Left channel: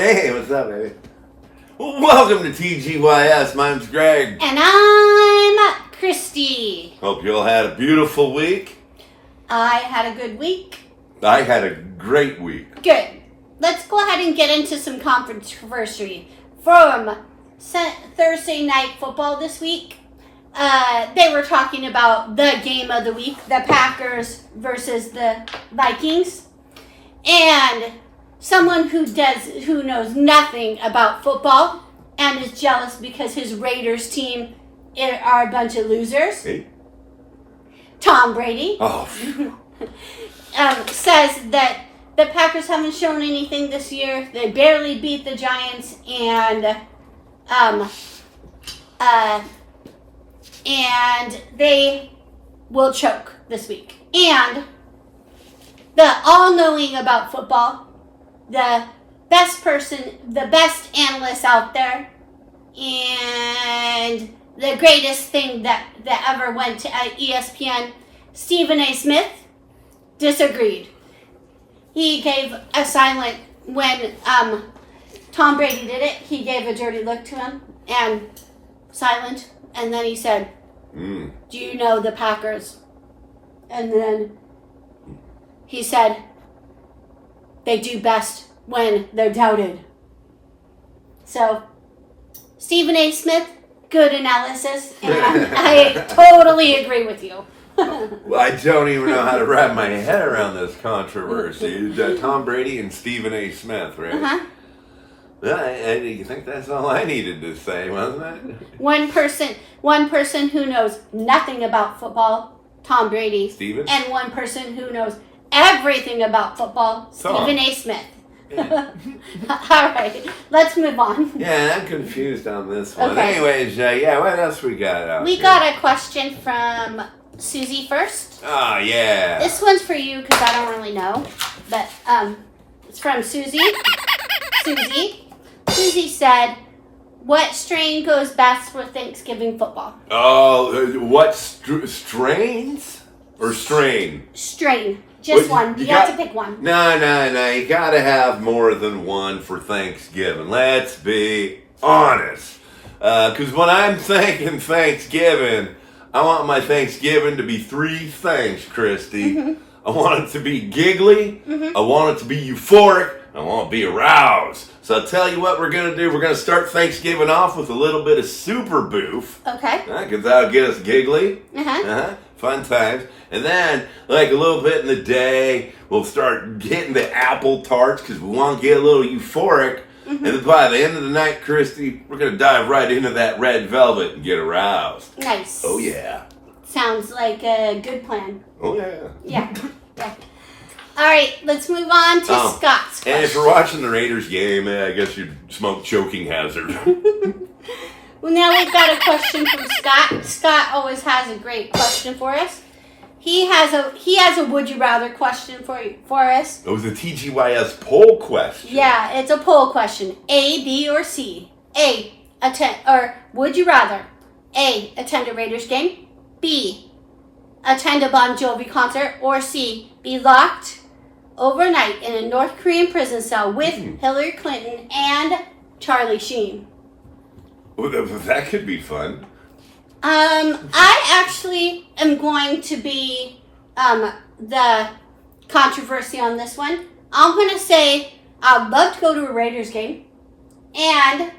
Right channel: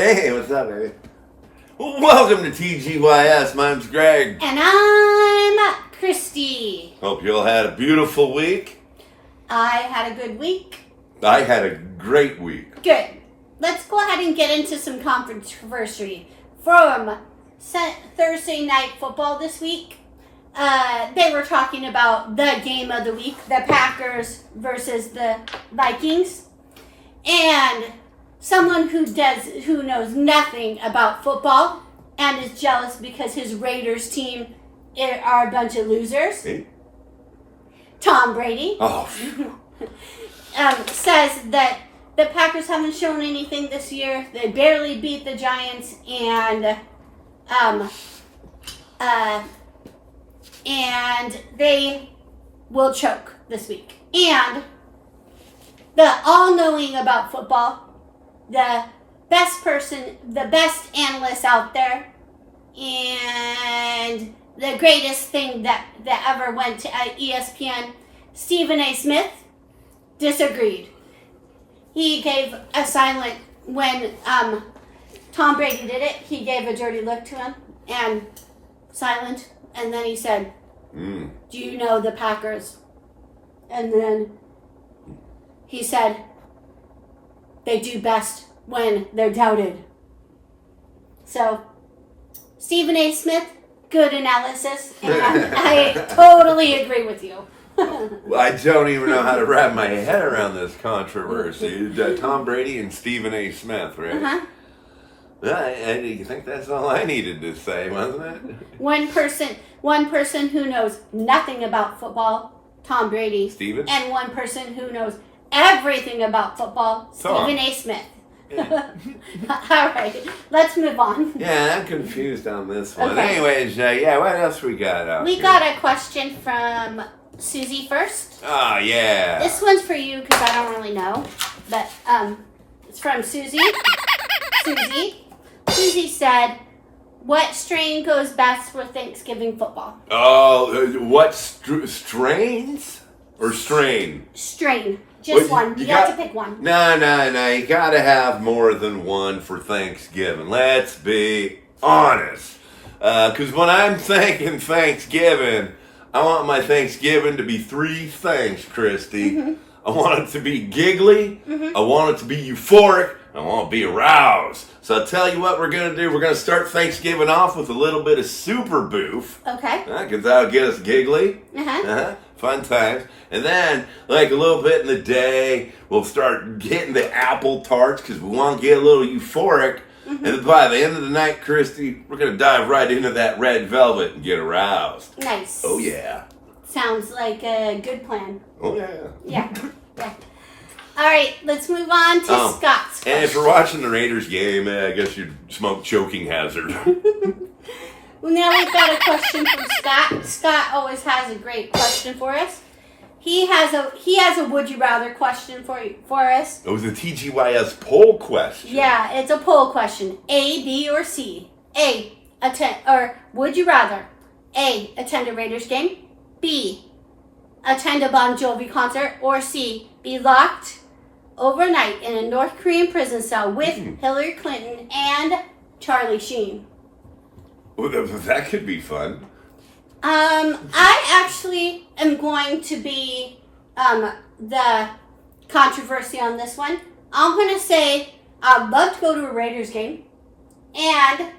Hey, what's up, baby? Welcome to TGYS. My name's Greg. And I'm Christy. Hope you all had a beautiful week. I had a good week. I had a great week. Good. Let's go ahead and get into some controversy from Thursday night football this week. They were talking about the game of the week, the Packers versus the Vikings. And someone who knows nothing about football and is jealous because his Raiders team are a bunch of losers. Hey. Tom Brady. Oh. Says that the Packers haven't shown anything this year. They barely beat the Giants, and they will choke this week. And the all-knowing about football, the best analyst out there, and the greatest thing that ever went to ESPN, Stephen A. Smith, disagreed. He gave a silent when Tom Brady did it. He gave a dirty look to him and silent, and then he said, "Do you know the Packers?" And then he said, "They do best when they're doubted." So, Stephen A. Smith, good analysis, and I totally agree with you. Well, I don't even know how to wrap my head around this controversy. Tom Brady and Stephen A. Smith, right? Uh-huh. I think that's all I needed to say, wasn't it? One person who knows nothing about football, Tom Brady. Stephen? And one person who knows everything about football, Tom. Stephen A. Smith. Yeah. All right, let's move on. Yeah, I'm confused on this one. Okay. Anyways, what else we got out We here? got a question from Susie first. Oh, yeah. This one's for you because I don't really know, but it's from Susie. Susie said, "What strain goes best for Thanksgiving football?" Oh, what strains or strain? Strain. Just Well, one. You have to pick one. No. You gotta have more than one for Thanksgiving. Let's be honest. Because when I'm thinking Thanksgiving, I want my Thanksgiving to be three things, Christy. Mm-hmm. I want it to be giggly. Mm-hmm. I want it to be euphoric. I want to be aroused. So I'll tell you what we're going to do. We're going to start Thanksgiving off with a little bit of super boof. Okay. Because that'll get us giggly. Fun times. And then, like a little bit in the day, we'll start getting the apple tarts because we want to get a little euphoric. Mm-hmm. And by the end of the night, Christy, we're going to dive right into that red velvet and get aroused. Nice. Oh, yeah. Sounds like a good plan. Oh, yeah. Yeah. All right, let's move on to Scott's question. And if you're watching the Raiders game, I guess you'd smoke choking hazard. Well, now we've got a question from Scott. Scott always has a great question for us. He has a would you rather question for us. It was a TGYS poll question. Yeah, it's a poll question. A, B, or C. Would you rather A, attend a Raiders game, B, attend a Bon Jovi concert, or C, be locked overnight in a North Korean prison cell with Hillary Clinton and Charlie Sheen? Well, that could be fun. I actually am going to be the controversy on this one. I'm going to say I'd love to go to a Raiders game, and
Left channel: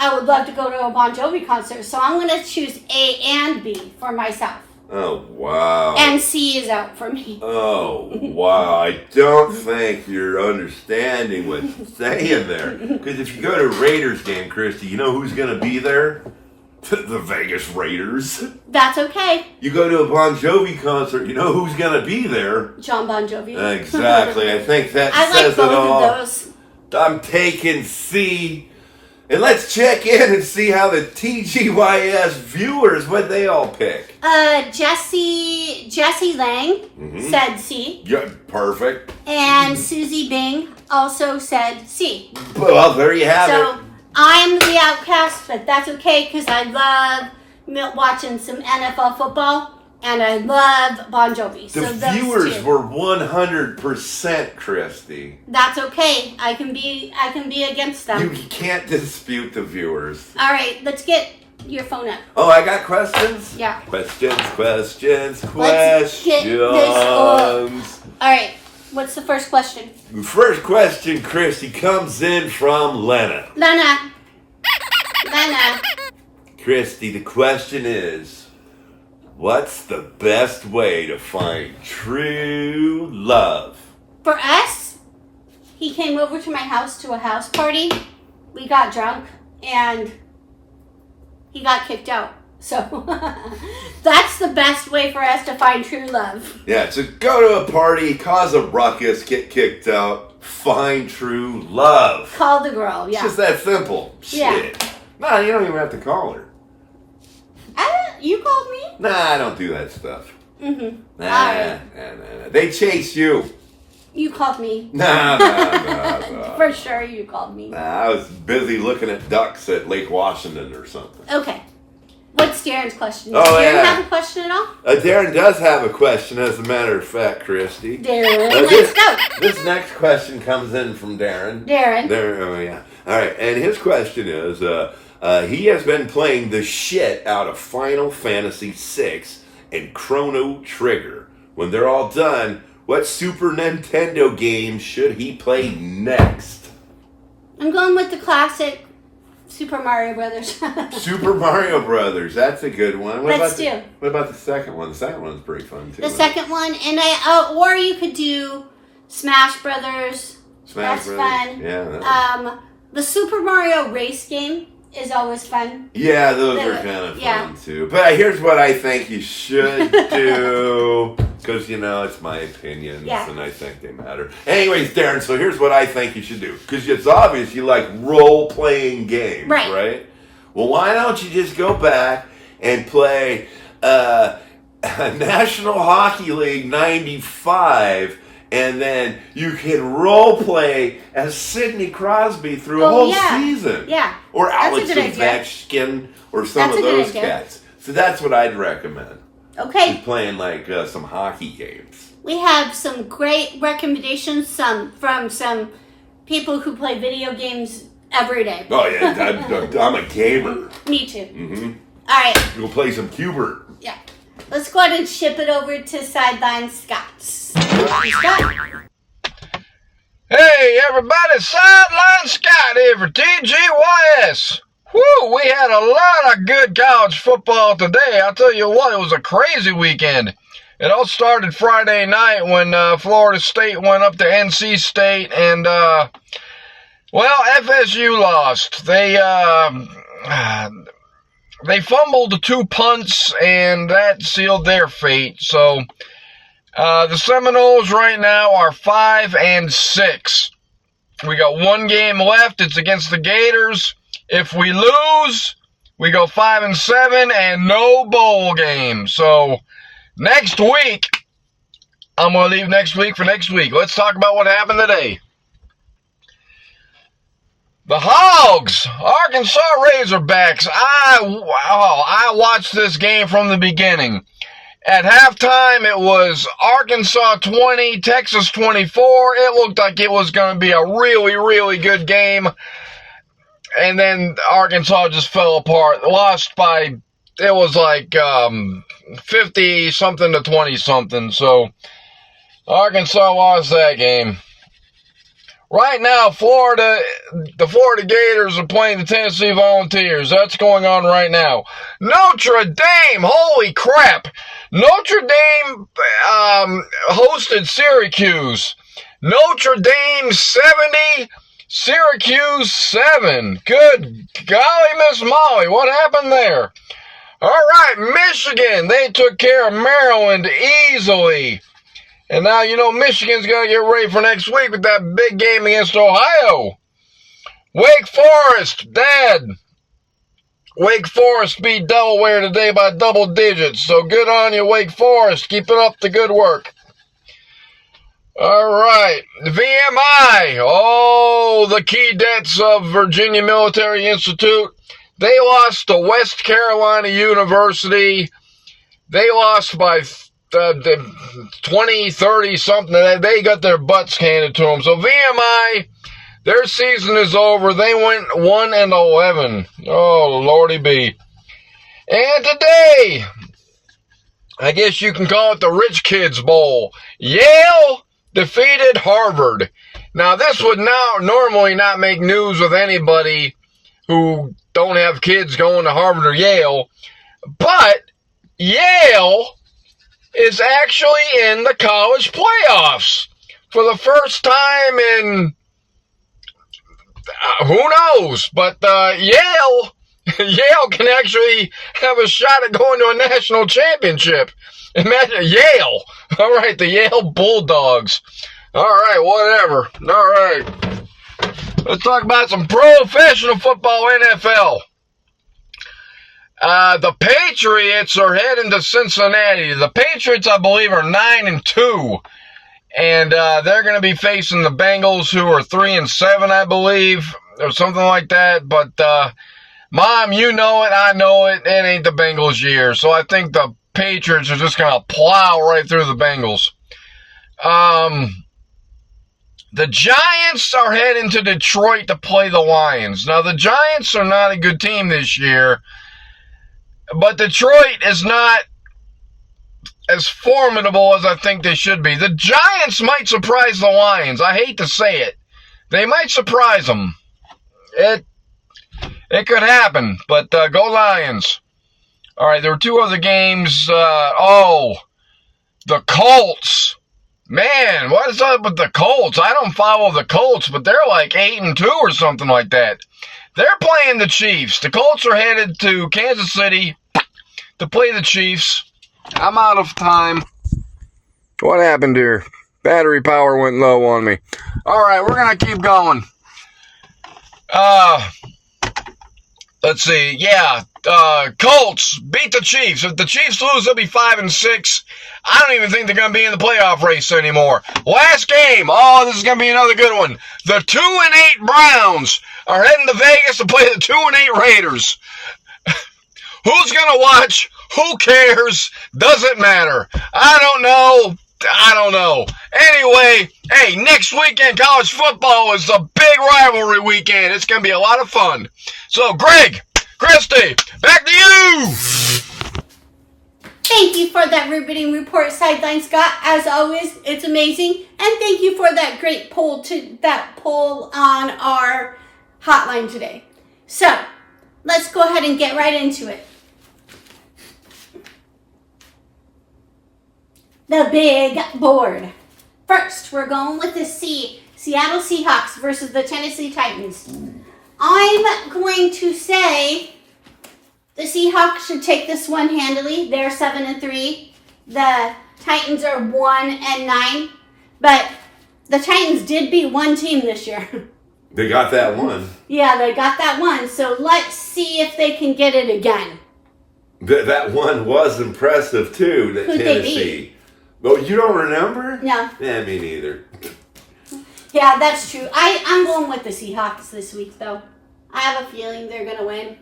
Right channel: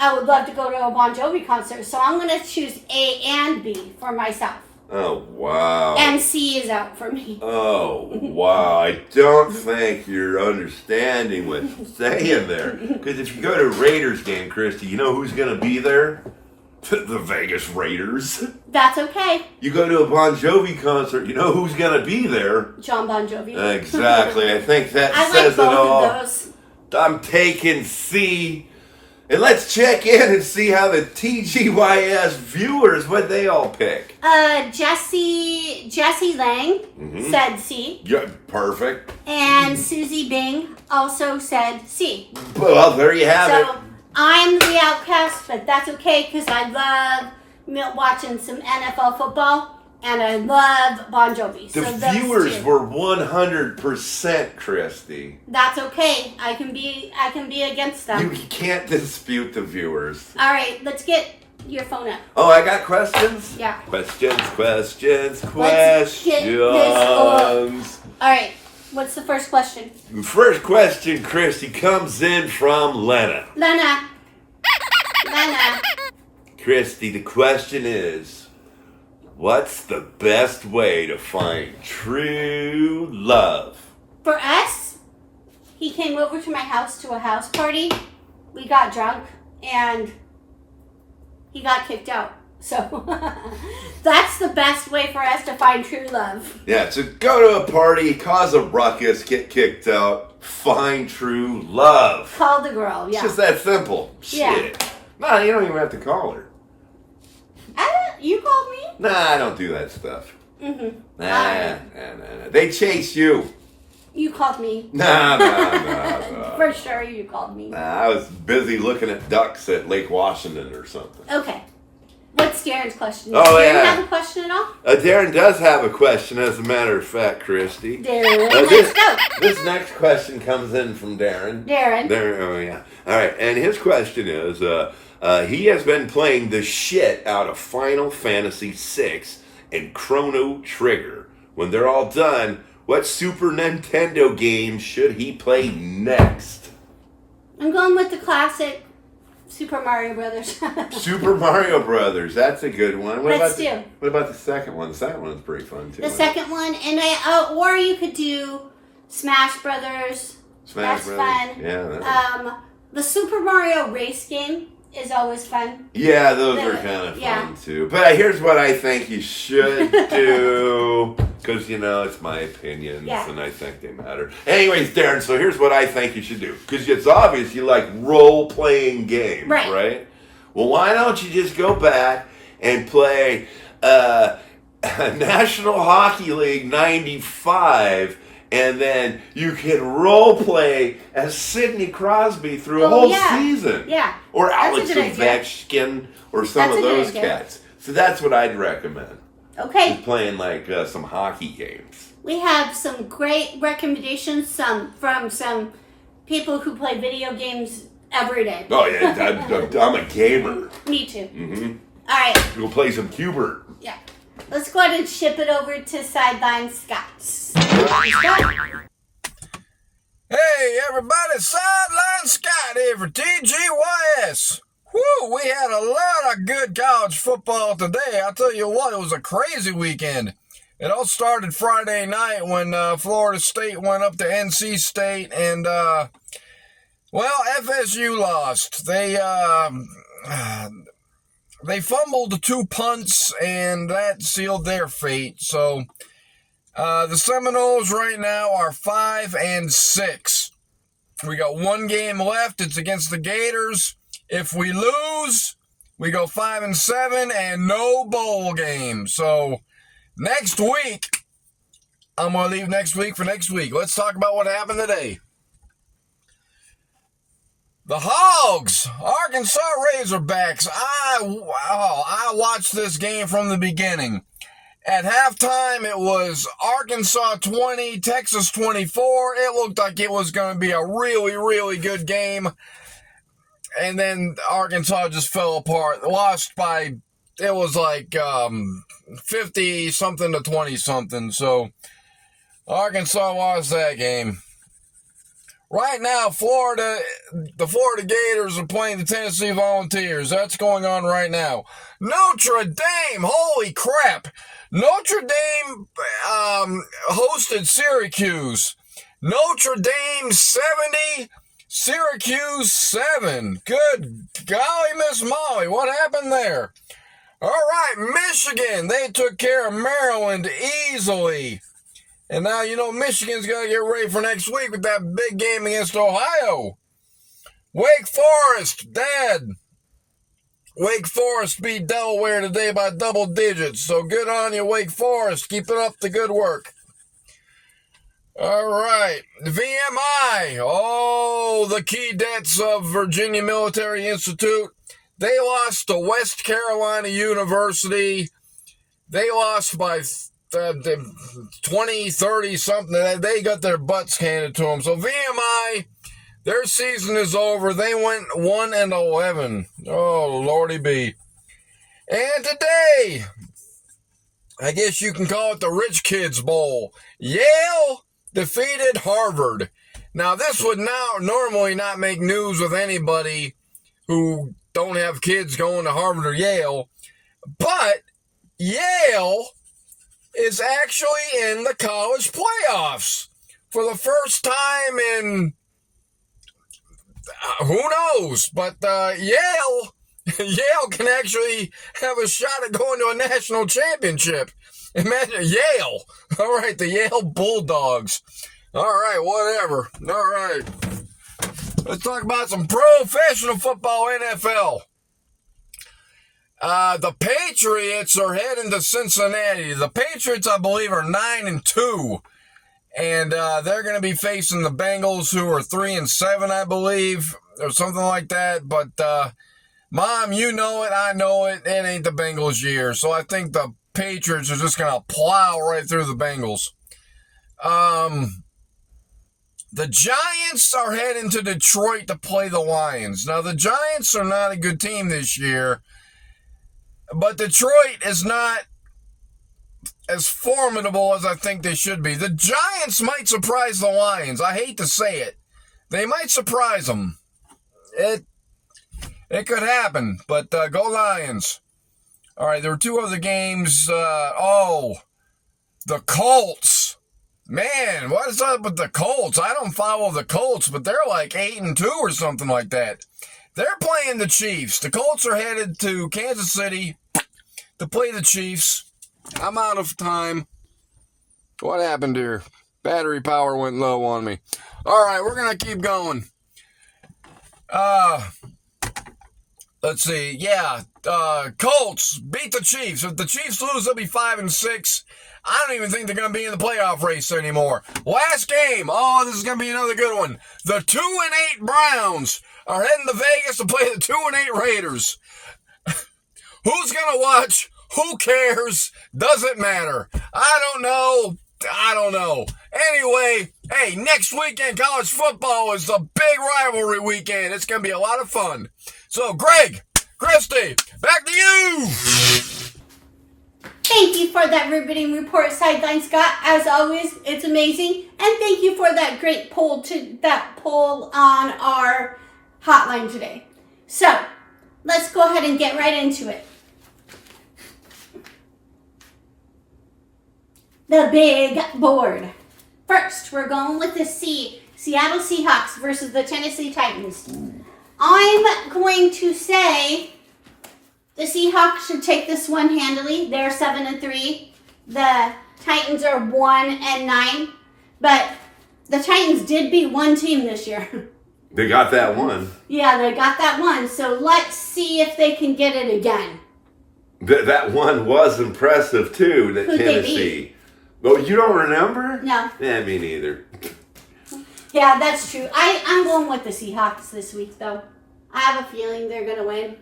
I would love to go to a Bon Jovi concert. So I'm going to choose A and B for myself. Oh, wow. And C is out for me. Oh, wow. I don't think you're understanding what's saying there. Because if you go to a Raiders game, Christy, you know who's going to be there? The Vegas Raiders. That's okay. You go to a Bon Jovi concert, you know who's going to be there? John Bon Jovi. Exactly. I think that I says like both it all. of those. I'm taking C. And let's check in and see how the TGYS viewers, what they all pick. Jesse Lang said C. Yeah, perfect. And Susie Bing also said C. Well, there you have it. So I'm the outcast, but that's okay because I love watching some NFL football. and I love Bon Jovi. The so those viewers two. were 100% Christy. That's okay. I can be against them. You can't dispute the viewers. All right, let's get your phone up. Oh, I got questions? Yeah. Questions. Let's get this all right, what's the first question? The first question, Christy, comes in from Lena. Lena. Christy, the question is, what's the best way to find true love? For us, he came over to my house to a house party. We got drunk and he got kicked out. So that's the best way for us to find true love. Yeah, so go to a party, cause a ruckus, get kicked out, find true love. Call the girl, yeah. It's just that simple. Yeah. Shit. No, you don't even have to call her. You called me? Nah, I don't do that stuff. Mm-hmm. Nah. They chase you. You called me. Nah. For sure you called me. Nah, I was busy looking at ducks at Lake Washington or something. Okay. What's Darren's question? Oh, Does Darren yeah. have a question at all? Darren does have a question, as a matter of fact, Christy. Darren, let's go. This next question comes in from Darren. Darren. Oh, yeah. All right, and his question is, he has been playing the shit out of Final Fantasy VI and Chrono Trigger. When they're all done, what Super Nintendo game should he play next? I'm going with the classic Super Mario Brothers. Super Mario Brothers. That's a good one. What Let's do. What about the second one? The second one's pretty fun too. The second one, and or you could do Smash Brothers. Smash That's Brothers. fun. Yeah. The Super Mario race game is always fun. Yeah, those are kind of fun too. But here's what I think you should do. Because, it's my opinions and I think they matter. Anyways, Darren, so here's what I think you should do. Because it's obvious you like role-playing games, right? Well, why don't you just go back and play National Hockey League 95, and then you can role-play as Sidney Crosby through a whole season. Yeah. Or Alex Ovechkin or some of those cats. So that's what I'd recommend. Okay. Just playing like some hockey games. We have some great recommendations from some people who play video games every day. Oh yeah, I'm a gamer. Me too. Mm-hmm. All right. We'll play some Cubert. Yeah. Let's go ahead and ship it over to Sideline Scott. Scott. Hey everybody, Sideline Scott here for TGYS. Whew, we had a lot of good college football today. I'll tell you what, it was a crazy weekend. It all started Friday night when Florida State went up to NC State and, FSU lost. They fumbled the 2 punts and that sealed their fate. So, the Seminoles right now are 5-6. We got one game left. It's against the Gators. If we lose, we go 5-7 and no bowl game. So next week, I'm going to leave next week for next week. Let's talk about what happened today. The Hogs, Arkansas Razorbacks. I watched this game from the beginning. At halftime, it was Arkansas 20, Texas 24. It looked like it was going to be a really, really good game. And then Arkansas just fell apart. Lost by, it was like 50-something to 20-something. So Arkansas lost that game. Right now, the Florida Gators are playing the Tennessee Volunteers. That's going on right now. Notre Dame, holy crap. Notre Dame hosted Syracuse. Notre Dame 70, Syracuse 7. Good golly, Miss Molly, what happened there? All right, Michigan, they took care of Maryland easily. And now, Michigan's got to get ready for next week with that big game against Ohio. Wake Forest, Dad. Wake Forest beat Delaware today by double digits. So good on you, Wake Forest. Keep up the good work. All right, VMI. Oh, the Keydets of Virginia Military Institute. They lost to West Carolina University They lost by 20, 30 something. They got their butts handed to them. So VMI, their season is over. They went 1-11. Oh, Lordy be. And today, I guess you can call it the Rich Kids Bowl. Yale defeated Harvard. Now, this would normally not make news with anybody who don't have kids going to Harvard or Yale, but Yale is actually in the college playoffs for the first time in who knows, but Yale can actually have a shot at going to a national championship. Imagine Yale. All right, the Yale Bulldogs. All right, whatever. All right. Let's talk about some professional football, NFL. The Patriots are heading to Cincinnati. The Patriots, I believe, are 9-2. And they're going to be facing the Bengals, who are 3-7, I believe, or something like that. But, Mom, you know it, I know it. It ain't the Bengals' year. So I think the Patriots are just going to plow right through the Bengals. The Giants are heading to Detroit to play the Lions. Now, the Giants are not a good team this year, but Detroit is not as formidable as I think they should be. The Giants might surprise the Lions. I hate to say it. They might surprise them. It could happen, but go Lions. All right, there were two other games. The Colts. Man, what is up with the Colts? I don't follow the Colts, but they're like 8-2 or something like that. They're playing the Chiefs. The Colts are headed to Kansas City to play the Chiefs. I'm out of time. What happened here? Battery power went low on me. All right, we're going to keep going. Let's see. Yeah, Colts beat the Chiefs. If the Chiefs lose, they'll be 5-6. I don't even think they're going to be in the playoff race anymore. Last game. Oh, this is going to be another good one. The 2-8 Browns are heading to Vegas to play the 2-8 Raiders. Who's going to watch? Who cares? Doesn't matter. I don't know. Anyway, hey, next weekend, college football is a big rivalry weekend. It's going to be a lot of fun. So, Greg, Christy, back to you. Thank you for that riveting report, Sideline Scott. As always, it's amazing. And thank you for that great poll on our hotline today. So, let's go ahead and get right into it. The big board. First, we're going with the Seattle Seahawks versus the Tennessee Titans. I'm going to say the Seahawks should take this one handily. They're 7-3. The Titans are 1-9. But the Titans did beat one team this year. They got that one. Yeah, they got that one. So let's see if they can get it again. That one was impressive, too, that Who'd Tennessee. they beat? Oh, you don't remember? No. Yeah, me neither. Yeah, that's true. I'm going with the Seahawks this week, though. I have a feeling they're going to win.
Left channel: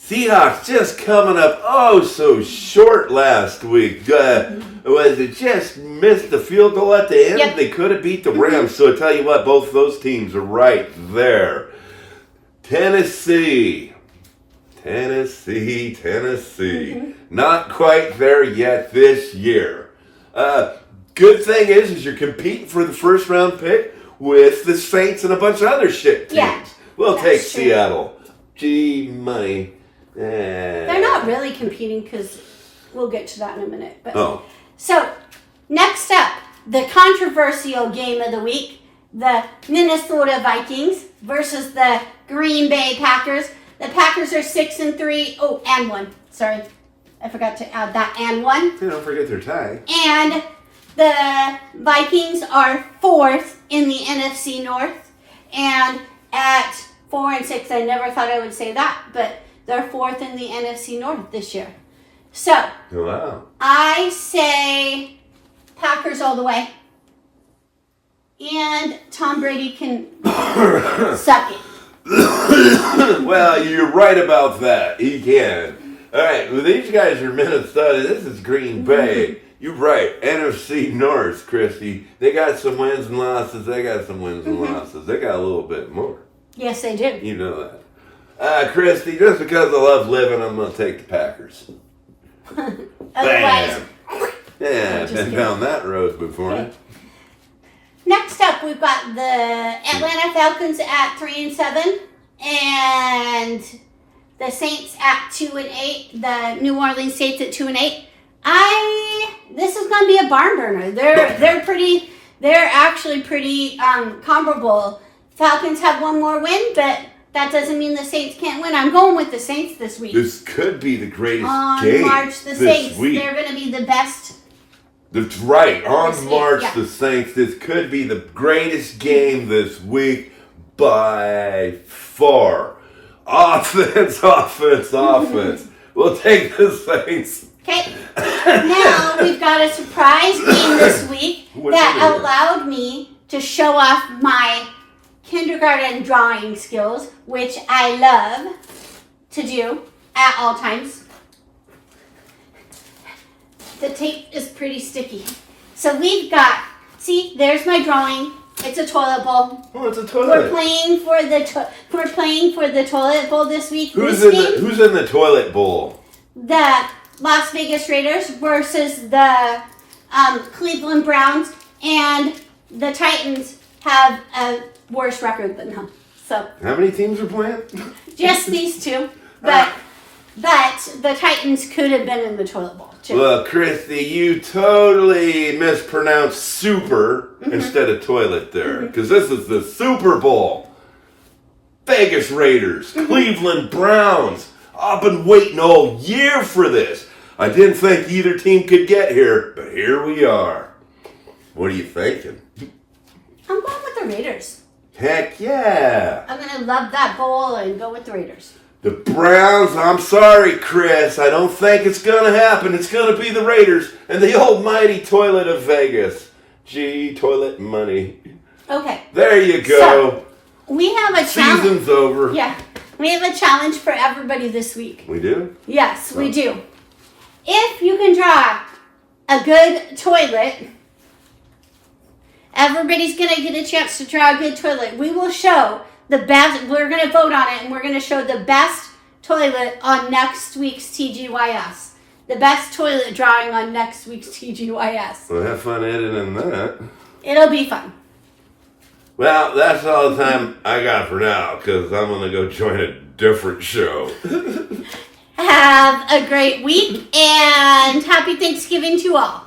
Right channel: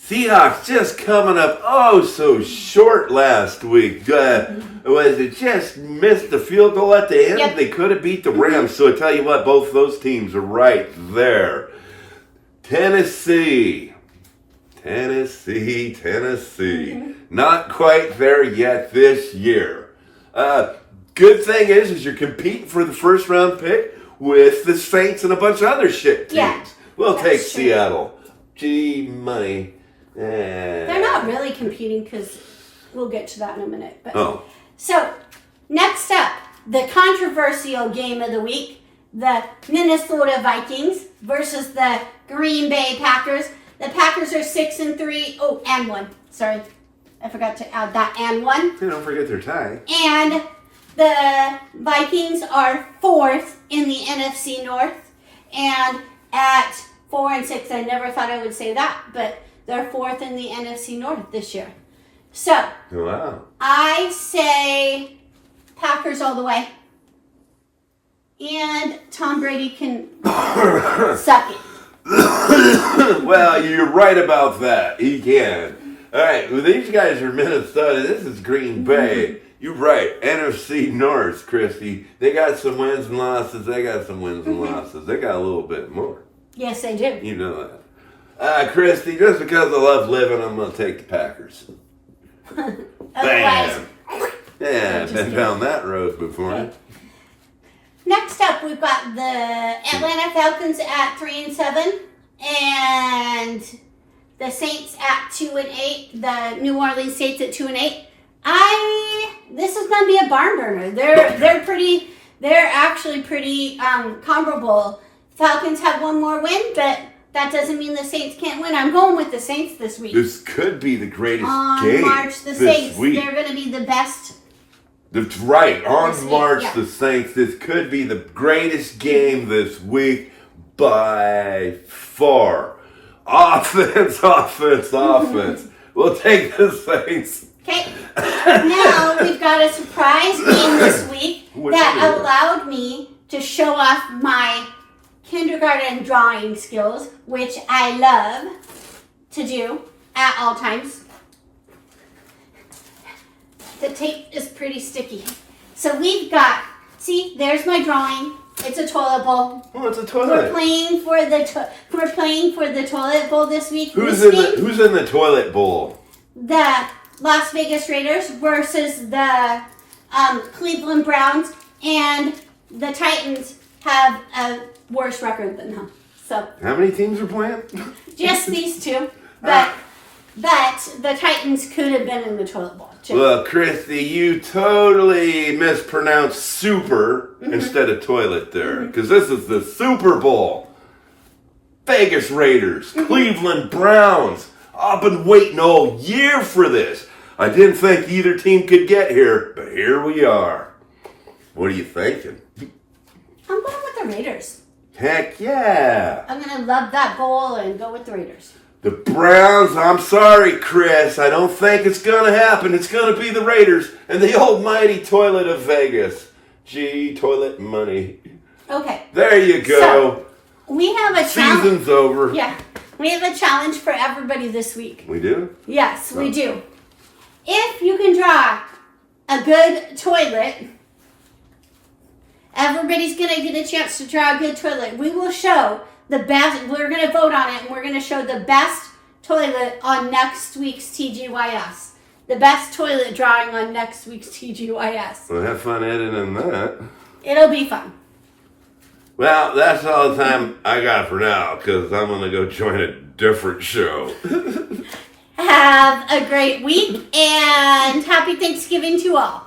Seahawks just coming up so short last week. Was it just missed the field goal at the end? Yep. They could have beat the Rams. So I tell you what, both those teams are right there. Tennessee. Mm-hmm. Not quite there yet this year. Good thing is you're competing for the first round pick with the Saints and a bunch of other shit teams. Yeah, we'll take true. Seattle. Gee, money. They're not really competing because we'll get to that in a minute. But, So, next up, the controversial game of the week, the Minnesota Vikings versus the Green Bay Packers. The Packers are 6-3. Oh, and 1. Sorry. I forgot to add that and 1. Hey, don't forget their tie. And the Vikings are 4th in the NFC North. And at 4-6, I never thought I would say that, but they're 4th in the NFC North this year. So, wow. I say Packers all the way. And Tom Brady can suck it. Well, you're right about that. He can. All right, well, these guys are Minnesota. This is Green Bay. You're right. NFC North, Christy. They got some wins and losses. They got some wins and losses. They got a little bit more. Yes, they do. You know that. Christy, just because I love living, I'm going to take the Packers. Otherwise, Bam. Yeah, I've just been kidding. down that road before. Okay. Next up, we've got the Atlanta Falcons at 3-7, and the Saints at 2-8. The New Orleans Saints at 2-8. This is going to be a barn burner. They're actually pretty comparable. Falcons have one more win, but that doesn't mean the Saints can't win. I'm going with the Saints this week. This could be the greatest On game March, the this Saints, week. they're going to be the best. That's right. On This week, March, yeah. the Saints. This could be the greatest game this week by far. Offense, offense. We'll take the Saints. Okay, now we've got a surprise game this week What's that it? allowed me to show off my kindergarten drawing skills, which I love to do at all times. The tape is pretty sticky. So we've got, see, there's my drawing. It's a toilet bowl. Oh, it's a We're toilet. playing for the toilet bowl this week. Who's in the toilet bowl? The Las Vegas Raiders versus the Cleveland Browns, and the Titans have a worse record than them. So How many teams are playing? just these two, but the Titans could have been in the toilet bowl too. Well, Christy, you totally mispronounced super instead of toilet there. Because this is the Super Bowl. Vegas Raiders, Cleveland Browns. I've been waiting all year for this. I didn't think either team could get here, but here we are. What are you thinking? I'm going with the Raiders. Heck yeah. I'm gonna love that bowl and go with the Raiders. The Browns, I'm sorry, Chris. I don't think it's going to happen. It's going to be the Raiders and the almighty toilet of Vegas. Gee, toilet money. Okay. There you go. We have a challenge. Season's over. Yeah, we have a challenge for everybody this week. We do? Yes, we do. If you can draw a good toilet, everybody's going to get a chance to draw a good toilet. We will show the best, we're going to vote on it, and we're going to show the best toilet on next week's TGYS. The best toilet drawing on next week's TGYS. Well, have fun editing that. It'll be fun. Well, that's all the time I got for now, because I'm going to go join a different show. Have a great week, and happy Thanksgiving to all.